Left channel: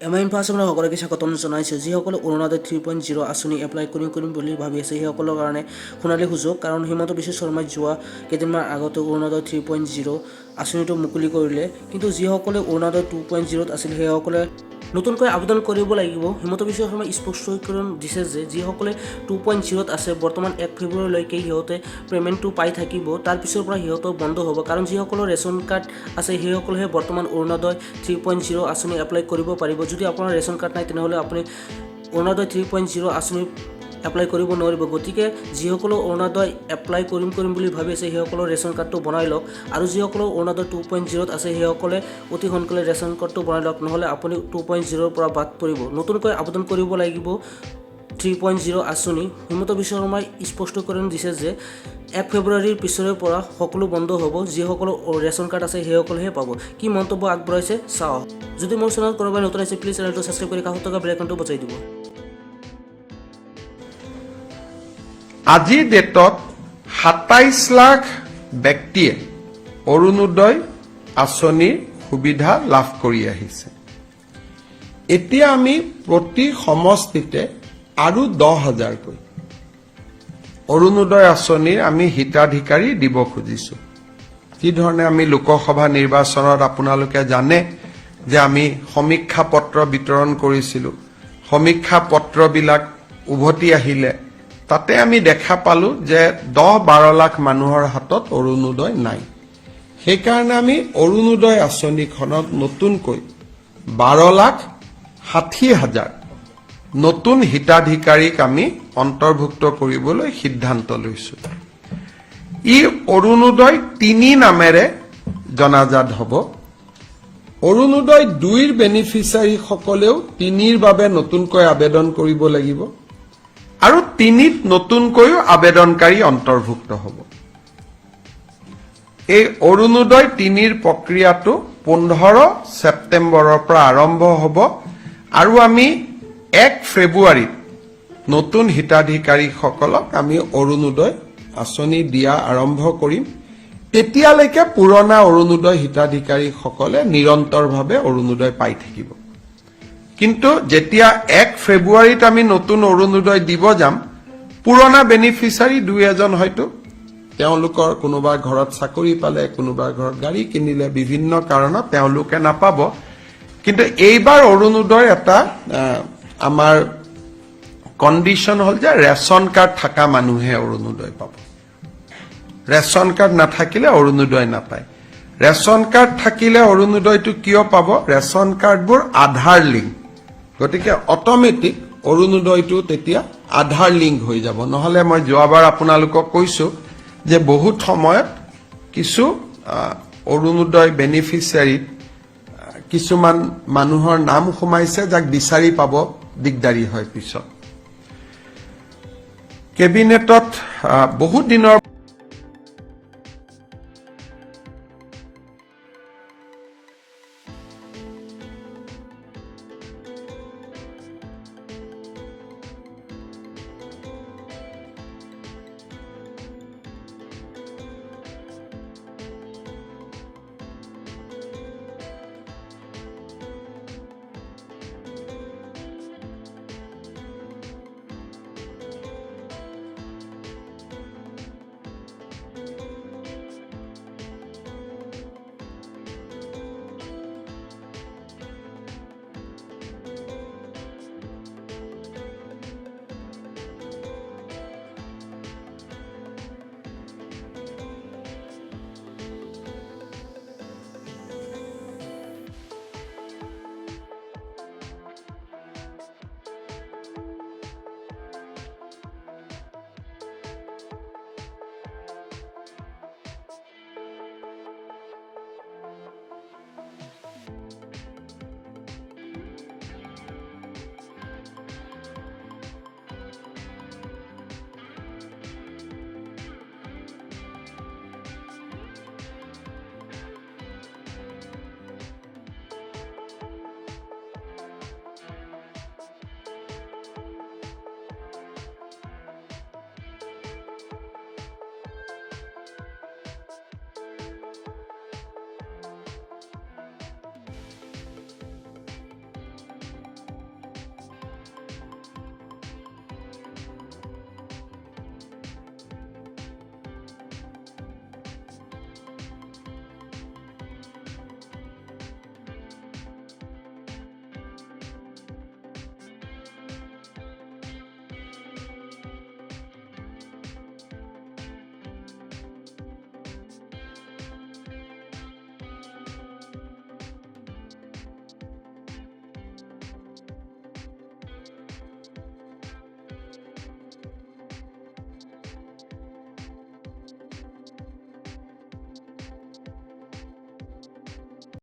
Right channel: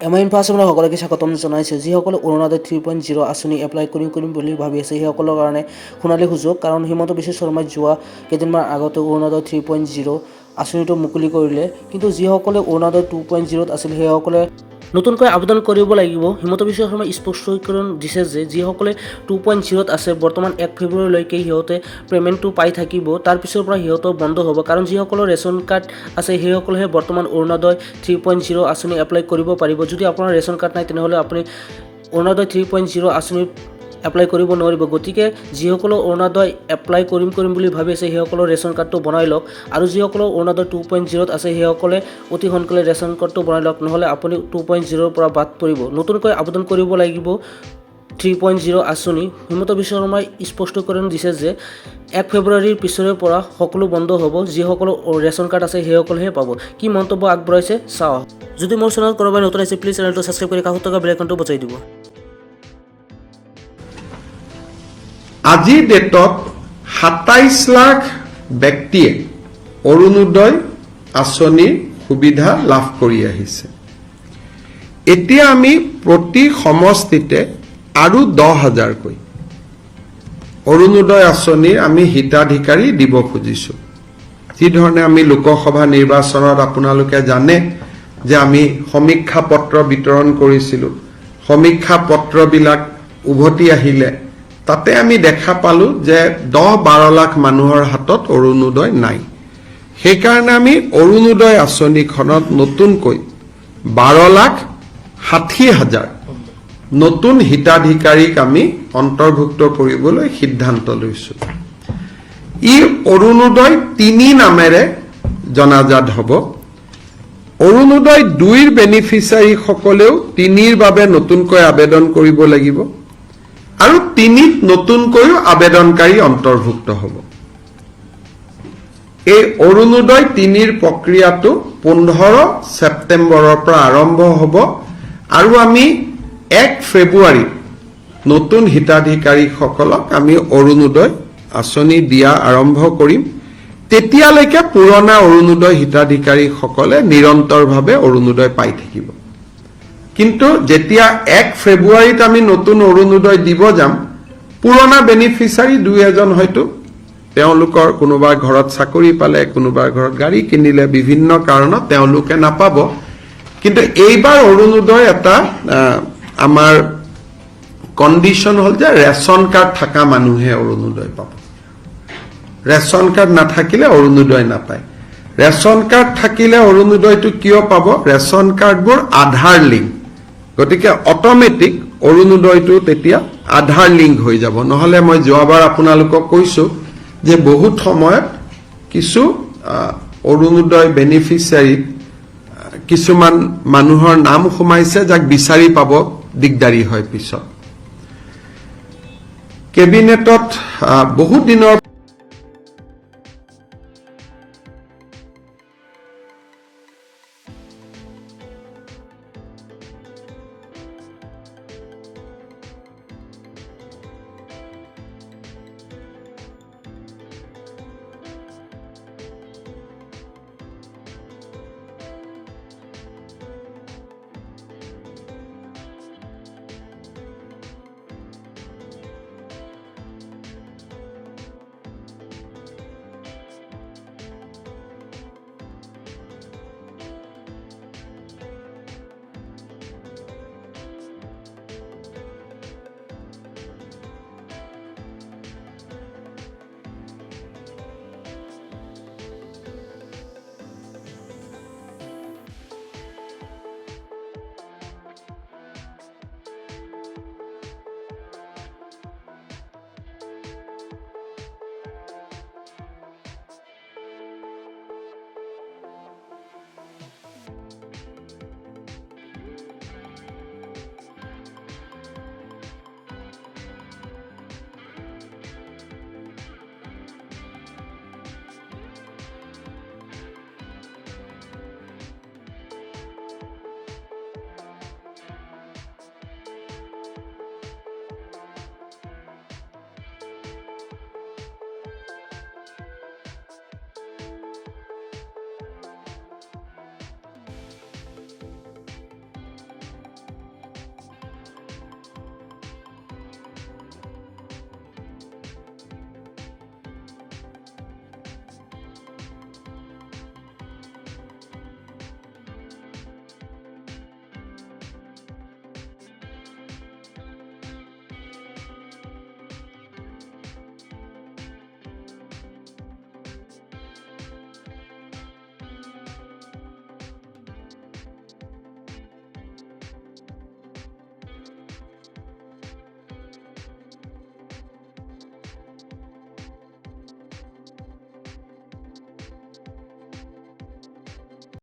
এমাইনফাছনৰ সকলোকে স্বাগতম জনাইছোঁ। যিসকলে অৰুণোদয় 3.0 আঁচনি এপ্লাই কৰিম বুলি ভাবি আছে সেইসকলৰ কাৰণে সোণালী সুযোগ। কাৰণ হিমন্ত বিশ্ব শৰ্মাই যোৱা কেইদিনমান আগতে অৰুণোদয় 3.0 আঁচনিটো মুকলি কৰিলে। কিন্তু যিসকলে অৰুণোদয় 2.0 আছিল সেইসকলে নতুনকৈ আবেদন কৰিব লাগিব। হিমন্ত বিশ্ব শৰ্মাই স্পষ্টীকৰণ দিছে যে যিসকলে 2.0 আছে বৰ্তমান 1 ফেব্ৰুৱাৰীলৈকে সিহঁতে পে'মেণ্টটো পাই থাকিব। তাৰ পিছৰ পৰা সিহঁতৰ বন্ধ হ'ব। কাৰণ যিসকলৰ ৰেচন কাৰ্ড আছে সেইসকলেহে বৰ্তমান অৰুণোদয় 3.0 আঁচনি এপ্লাই কৰিব পাৰিব। যদি আপোনাৰ ৰেচন কাৰ্ড নাই তেনেহ'লে আপুনি অৰুণোদয় 3.0 আঁচনি এপ্লাই কৰিব নোৱাৰিব। গতিকে যিসকলৰ অৰুণোদয় এপ্লাই কৰিম বুলি ভাবি আছে সেইসকলৰ ৰেচন কাৰ্ডটো বনাই লওক। আৰু যিসকলৰ অৰুণোদয় 2.0 আছে সেইসকলে অতি সোনকালে ৰেচন কাৰ্ডটো বনাই লওক, নহ'লে আপুনি 2.0 পৰা বাদ পৰিব। নতুনকৈ আবেদন কৰিব লাগিব 3.0 আঁচনি। হিমন্ত বিশ্ব শৰ্মাই স্পষ্টীকৰণ দিছে যে 1 ফেব্ৰুৱাৰীৰ পিছৰে পৰা সকলো বন্ধ হ'ব। যিসকলৰ ৰেচন কাৰ্ড আছে সেইসকলেহে পাব। কি মন্তব্য আগবঢ়াইছে চাওঁ। যদি মোৰ চেনেলত কোনোবাই নতুন আছে প্লিজ চেনেলটো ছাবস্ক্ৰাইব কৰি কাষত থকা বেল আইকনটো বজাই দিব। আজিৰ ডেটত 27 লাখ ব্যক্তিয়ে অৰুণোদয় আঁচনিৰ সুবিধা লাভ কৰি আহিছে। এতিয়া আমি প্ৰতি সমষ্টিতে আৰু 10,000কৈ অৰুণোদয় আঁচনিৰ আমি হিতাধিকাৰী দিব খুজিছো। যিধৰণে আমি লোকসভা নিৰ্বাচনত আপোনালোকে জানে যে আমি সমীক্ষা পত্ৰ বিতৰণ কৰিছিলো। সমীক্ষা পত্ৰবিলাক উভতি আহিলে তাতে আমি দেখা পালো যে 10-12 লাখ মানুহৰ হাতত অৰুণোদয় নাই। সেইকাৰণে আমি অৰুণোদয় আঁচনিখনত নতুনকৈ 12,60,000 নতুন হিতাধিকাৰীক আমি অন্তৰ্ভুক্ত কৰিবলৈ সিদ্ধান্ত লৈছো। ই অৰুণোদয় 3 নামেৰে জনাজাত হ'ব। অৰুণোদয় 2ৰ বেনিফিচিয়াৰীসকলেও 3ৰ বাবে নতুনকৈ আবেদন কৰিব লাগিব আৰু 3ত নতুনকৈও আবেদনকাৰী অন্তৰ্ভুক্ত হ'ব। এই অৰুণোদয় 3ৰ প্ৰক্ৰিয়াটো 15 ছেপ্টেম্বৰৰ পৰা আৰম্ভ হ'ব আৰু আমি 1 ফেব্ৰুৱাৰীত নতুন হিতাধিকাৰীসকলক আমি অৰুণোদয় আঁচনি দিয়া আৰম্ভ কৰিম। তেতিয়ালৈকে পুৰণা অৰুণোদয় হিতাধিকাৰীসকলে নিৰন্তৰভাৱে অৰুণোদয় পাই থাকিব। কিন্তু যেতিয়া 1 ফেব্ৰুৱাৰীত আমি নতুন অৰুণোদয় দিব যাম, পুৰণা বেনিফিচিয়াৰী 2-এজন হয়তো তেওঁলোকৰ কোনোবা ঘৰত চাকৰি পালে, কোনোবা ঘৰত গাড়ী কিনিলে, বিভিন্ন কাৰণত তেওঁলোকে নাপাব। কিন্তু এইবাৰ অৰুণোদয় এটা আমাৰ কণ্ডিশ্যন হ'ল যে ৰেচন কাৰ্ড থকা মানুহে অৰুণোদয় পাব। ৰেচন কাৰ্ড নাথাকিলে অৰুণোদয় নাপায়। ৰেচন কাৰ্ড থাকিলে অৰুণোদয়টো কিয় পাব? ৰেচন কাৰ্ডবোৰ আধাৰ লিংক। গতিকে অট'মেটিক অৰুণোদয়টো তেতিয়া আধাৰ লিংক হৈ যাব। নহ'লে মই যোৱাবাৰ আপোনালোকক কৈছো যে বহুত সময়ত কিছু অৰুণোদয় বেনিফিচিয়াৰী কিছুমান মানুহৰ নাম সোমাইছে যাক বিচাৰি পাব দিগদাৰী হয় পিছত। কেবিনেটত বহুত দিনৰ